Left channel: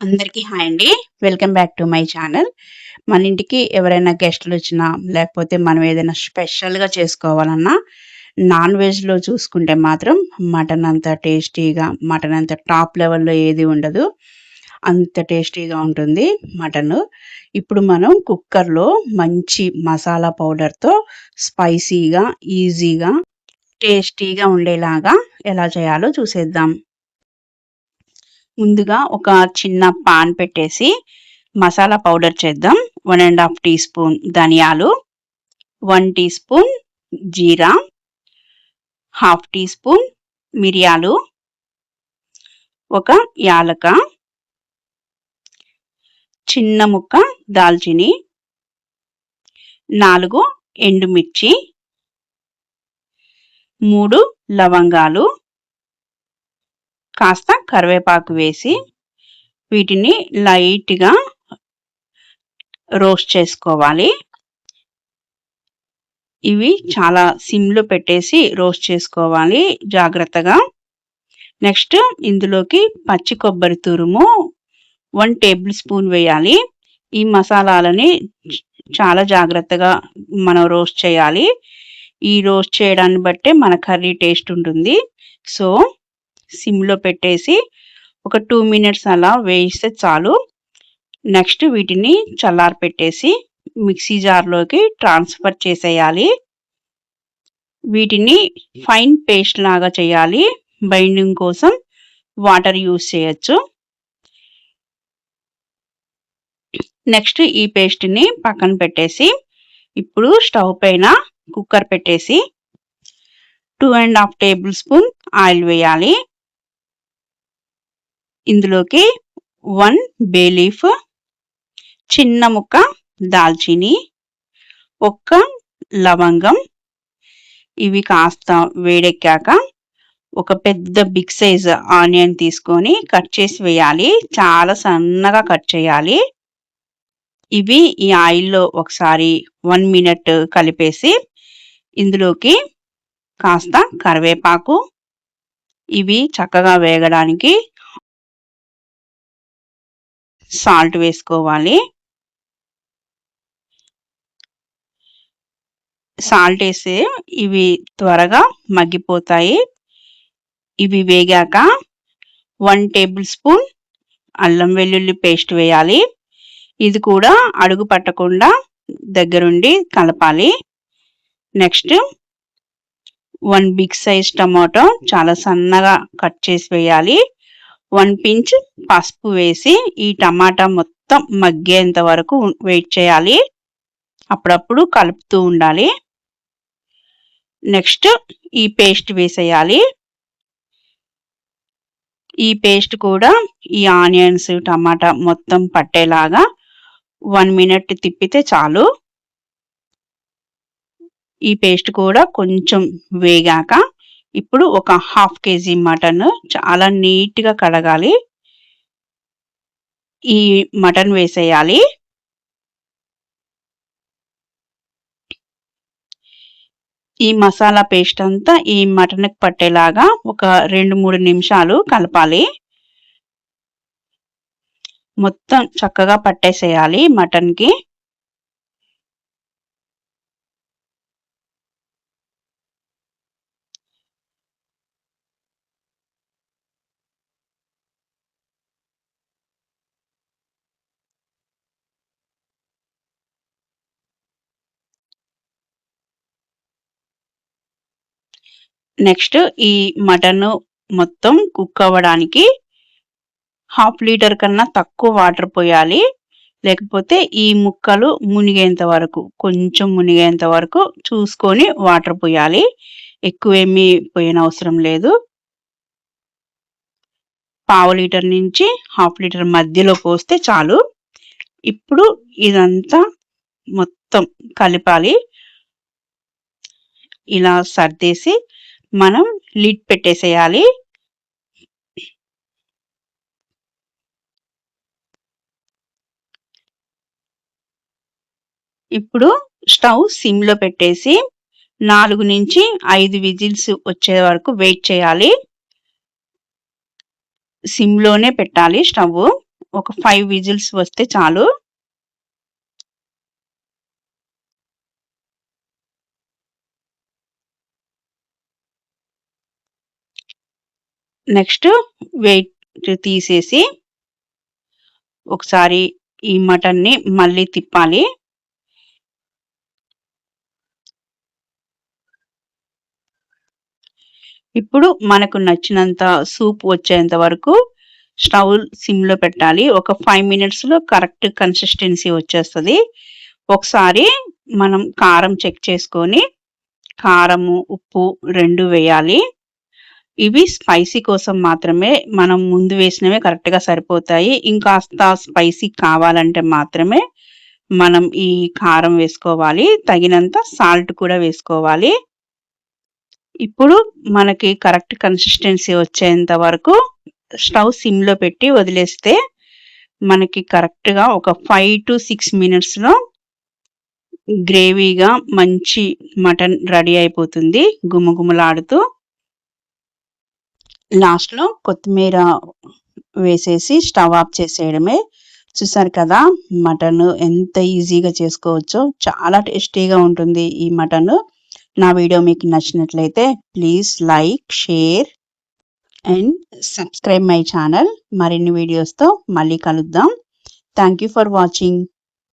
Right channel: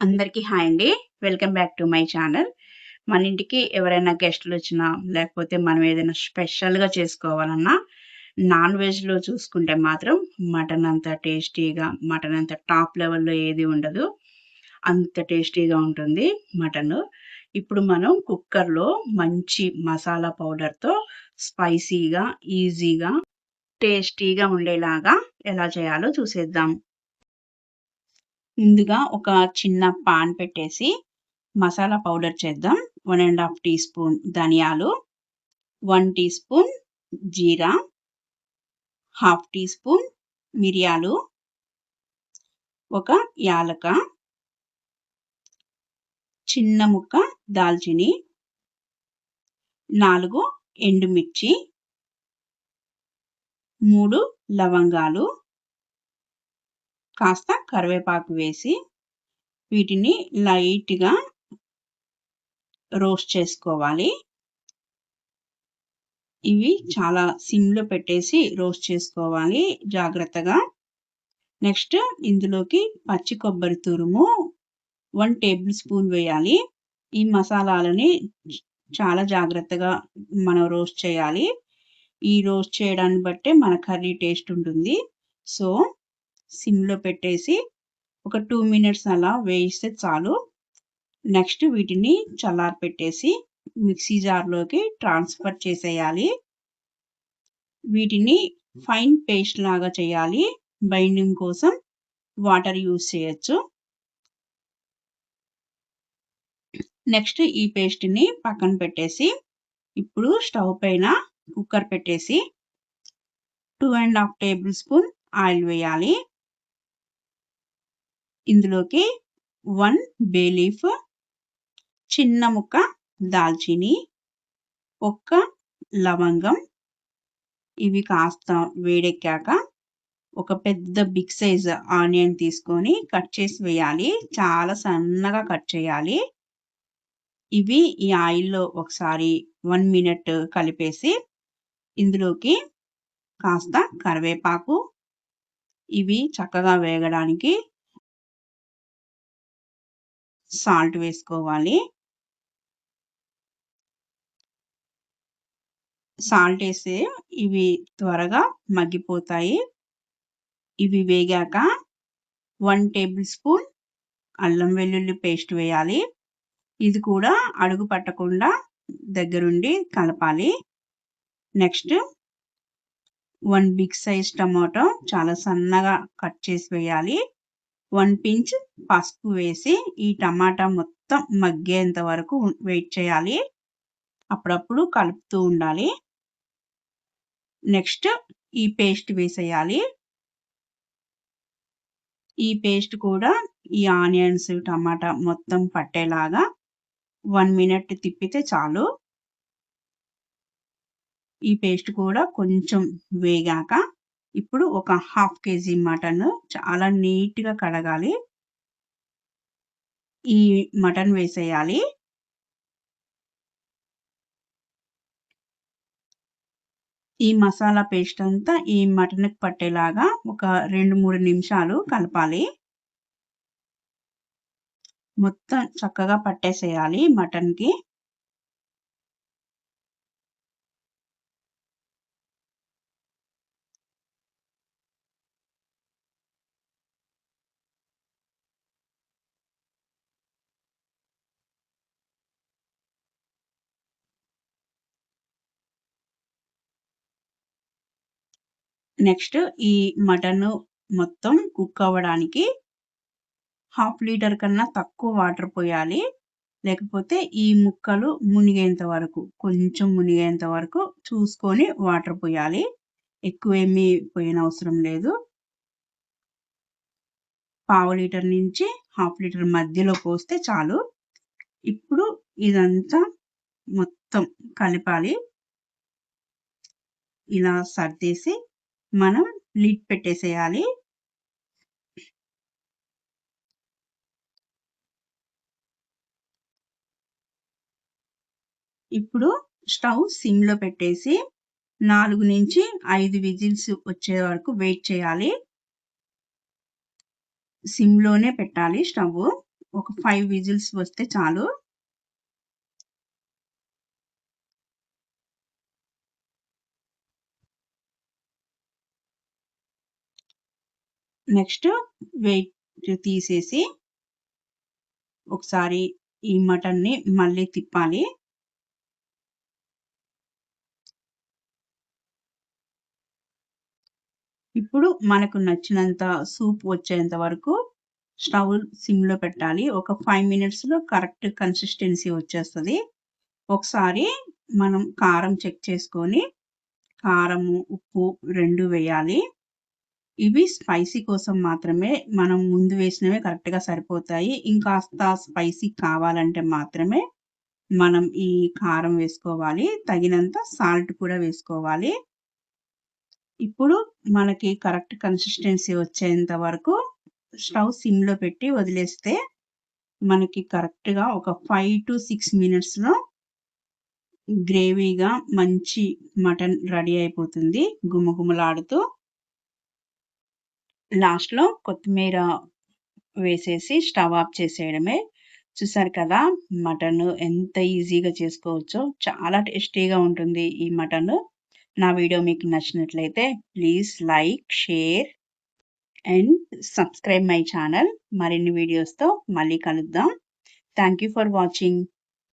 అందరికీ హాయ్ అండి. Welcome back to my channel. మన ఇంటికి ఎవరైనా గెస్టులొచ్చినా, లేకపోతే మనం ఏదైనా స్పెషల్‌గా చేసుకోవాలన్నా, నాన్ వెజ్‌లో చూసుకుంటే మాత్రం మటన్ అంత టేస్టీగా, మటన్ అంత టాప్ లెవెల్‌లో ఏది ఉండదు. అంత టేస్టీగా ఉంటుంది మటను. ఇప్పుడు మనం కుక్కర్‌లో మంచి మసాలా పౌడర్‌తో స్పైసీగా, ఈజీగా, టేస్టీగా ఉండేలాగా ఎలా చేయాలో చూసేద్దాం. ముందుగా ఒక చిన్న పాన్ పెట్టేసి మసాలా పౌడర్ చేద్దాం. 1 ½ టీ స్పూన్ ధనియాలు, 1 టీ స్పూన్ జీరా, హాఫ్ టీ స్పూన్ మిరియాలు, ఒక యాలక, చిన్న ముక్క దాల్చిని, 4 ఎండుమిర్చి, 3 లవంగాలు, కాస్త కరివేపాకు వేసి వీటిని లైట్‌గా రోస్ట్ చేసుకోవాలి. ఇవి చాలా సిమ్‌లో పెట్టేసి రోస్ట్ చేసుకోవాలి జాగ్రత్తగా. నెక్స్ట్ ఇందులోకి పచ్చి కొబ్బరి తురుము 1 టేబుల్ స్పూన్ వేయాలి. ఈ మసాలాలని చాలా జాగ్రత్తగా మనం రోస్ట్ చేయాలి. ఈ రోస్ట్ చేయడాన్ని బట్టే మన కర్రీ టేస్ట్ ఉంటుంది. సో, సిమ్‌లో పెట్టేసి ఒక 2 మినిట్స్ అలా వేయిస్తే చాలు. నెక్స్ట్ వీటిని చల్లారపెట్టేసి మిక్సీ జార్‌లోకి ట్రాన్స్‌ఫర్ చేసేయాలి. వీటిని ఫైన్ పేస్ట్ లాగా చేయాలి. బైండింగ్ కోసం వాటర్ యూజ్ చేయొచ్చు. నెక్స్ట్ ఈ పేస్ట్‌ని పక్కన పెట్టేసి, ఇప్పుడు స్టవ్ పైన కుక్కర్ పెట్టేసి 2 ½ టేబుల్ స్పూన్ ఆయిల్ వేయాలి. ఇందులోకి 1 బే లీఫ్, చిన్న ముక్క దాల్చిని, ఒక్క లవంగం, ఇవి కాస్త వేడెక్కాక ఒక పెద్ద బిగ్ సైజ్ ఆనియన్ తీసుకొని కట్ చేసి వేయాలి. చాలా సన్నగా కట్ చేయాలి. ఇవి ఈ ఆయిల్‌లో ఒకసారి 1 మినిట్ కలిపేసి ఇందులోకి కాస్త కరివేపాకు, ఇవి చక్కగా వేగడానికి సాల్ట్ వేసుకోవాలి. సాల్ట్ ఏసి ఇవి త్వరగా మగ్గిపోతాయి. ఇవి వేగాక 1 టేబుల్ స్పూన్ అల్లం వెల్లుల్లి పేస్ట్ వేయాలి. ఇది కూడా అడుగు పట్టకుండా దగ్గరుండి కలపాలి. నెక్స్ట్ 1 బిగ్ సైజ్ టమాటో చాలా సన్నగా కట్ చేసి వేయాలి. 1 పించ్ పసుపు వేసి ఈ టమాటా మొత్తం మగ్గేంత వరకు వెయిట్ చేయాలి. అప్పుడప్పుడు కలుపుతూ ఉండాలి. నెక్స్ట్ ఈ పేస్ట్ వేసేయాలి. ఈ పేస్ట్ కూడా ఈ ఆనియన్స్, టమాటా మొత్తం పట్టేలాగా 1 మినిట్ తిప్పితే చాలు. ఈ పేస్ట్ కూడా కొంచెం వేగాక ఇప్పుడు ఒక హాఫ్ కేజీ మటన్ చాలా నీట్‌గా కడగాలి. ఈ మటన్ వేసేయాలి. ఈ మసాలా పేస్ట్ అంతా ఈ మటన్‌కి పట్టేలాగా ఒక 2, 3 నిమిషాలు కలపాలి. మొత్తం చక్కగా పట్టేసేయాలి మటన్‌కి. నెక్స్ట్ ఈ మటను మొత్తం కుక్ అవ్వడానికి హాఫ్ లీటర్ కన్నా తక్కువ వాటర్ పోయాలి. లేకపోతే ఈ ముక్కలు మునిగేంత వరకు, కొంచెం మునిగేంత వరకు చూసుకొని వాటర్ పోయాలి. ఎక్కువేమీ పోయనవసరం లేదు. పావు లీటర్ నుంచి హాఫ్ లీటర్ మధ్యలో పోస్తే చాలు. ఇప్పుడు ఇదంతా మొత్తం కలపాలి. ఇలా సర్దేసి మనం లిడ్ పెట్టేసేయాలి. ఇప్పుడు స్టవ్ సిమ్‌లో పెట్టేసి 4 నుంచి 5 విజిల్స్ వచ్చే వరకు వెయిట్ చేయాలి. సిమ్‌లోనే పెట్టాలి స్టవ్వు. ఒక 5 విజిల్స్ వస్తే చాలు. నెక్స్ట్ వెయిట్ తీసేసి ఒకసారి ఈ మటన్‌ని మళ్ళీ తిప్పాలి. ఇప్పుడు మనకు నచ్చినంత సూప్ వచ్చేంత వరకు స్టవ్ సిమ్‌లో పెట్టాలి. ఒక 5 మినిట్స్‌లో కరెక్ట్ కన్సిస్టెన్సీ వచ్చేస్తది. ఒకసారి మనం కారం చెక్ చేసుకొని కారము, ఉప్పు 2 వేయాలి. ఇవి స్పైసీ కోసం మాత్రమే. మనం ముందు వేసినవే కరెక్ట్‌గా సరిపోతాయి. ఇంకాస్త స్పైసీ కావాలంటే మాత్రమే మనం ఈ కారం వేసుకోవాలి. తగినంత సాల్ట్ కూడా వేసుకోవాలి. ఇప్పుడు మనకి కరెక్ట్ కన్సిస్టెన్సీ వచ్చేంత వరకు స్టవ్ సిమ్‌లో పెట్టి వదిలేస్తే మనకి కరెక్ట్‌గా ఒక 5-6 మినిట్స్‌లో గ్రేవీగా మంచి మటన్ రెడీ అయిపోతుంది గుమగుమలాడుతూ. లాస్ట్‌లో కొత్తిమీర వేసేసి స్టవ్ ఆఫ్ చేసేయడమే. చూసారు కదా! మటను ఎంత ఈజీగా చేసుకోవచ్చో. చాలా టేస్టీగా ఉంటుంది ఈ మటను. నా వీడియో మీకు నచ్చినట్లయితే please like, share and subscribe my channel. మరిన్ని వీడియోస్‌తో మళ్ళీ కలుద్దాం. Thank you for watching.